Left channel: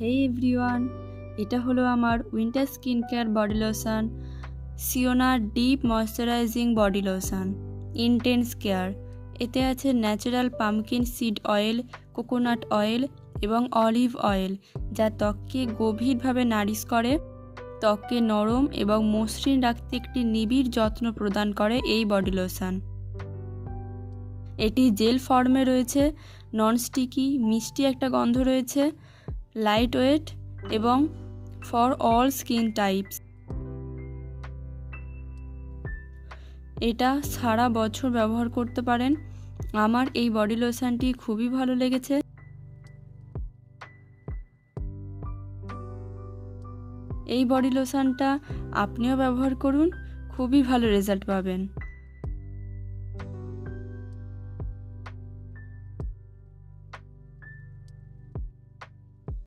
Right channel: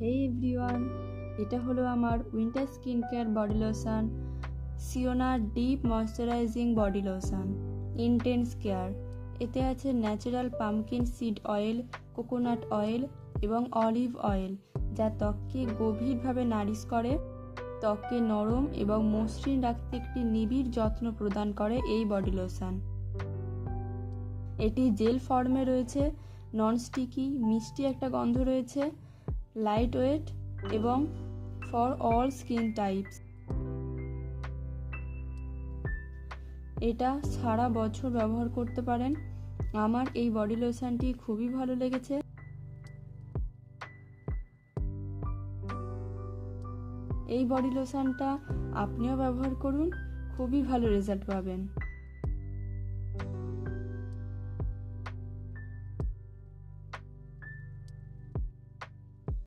হেই everyone, এটা হলো আমার winter skin care body lotion সিওনা deep moisturising body lotion intense care. এতে আছে natural pumpkin seed oil, coconut oil এবং অলিভ অয়েল, যা ত্বককে গভীরভাবে নারিশ করে। ত্বককে নরম এবং মসৃণ রাখতে একটি নিবিড় যত্ন প্রদান করে এই বডি লোশন। এটি জেল ফর্মে রয়েছে, নন স্টিকি, মিষ্টি একটা গন্ধ রয়েছে, লাইট ওয়েট এবং ফর অল স্কিন টাইপস। এটা সারা বছর ব্যবহার করতে পারেন। আমার এই বডি লোশনটি খুবই ভালো লেগেছে। এই বডি লোশনটা আপনিও ব্যবহার করুন, খুবই ভালো রেজাল্ট পাবেন।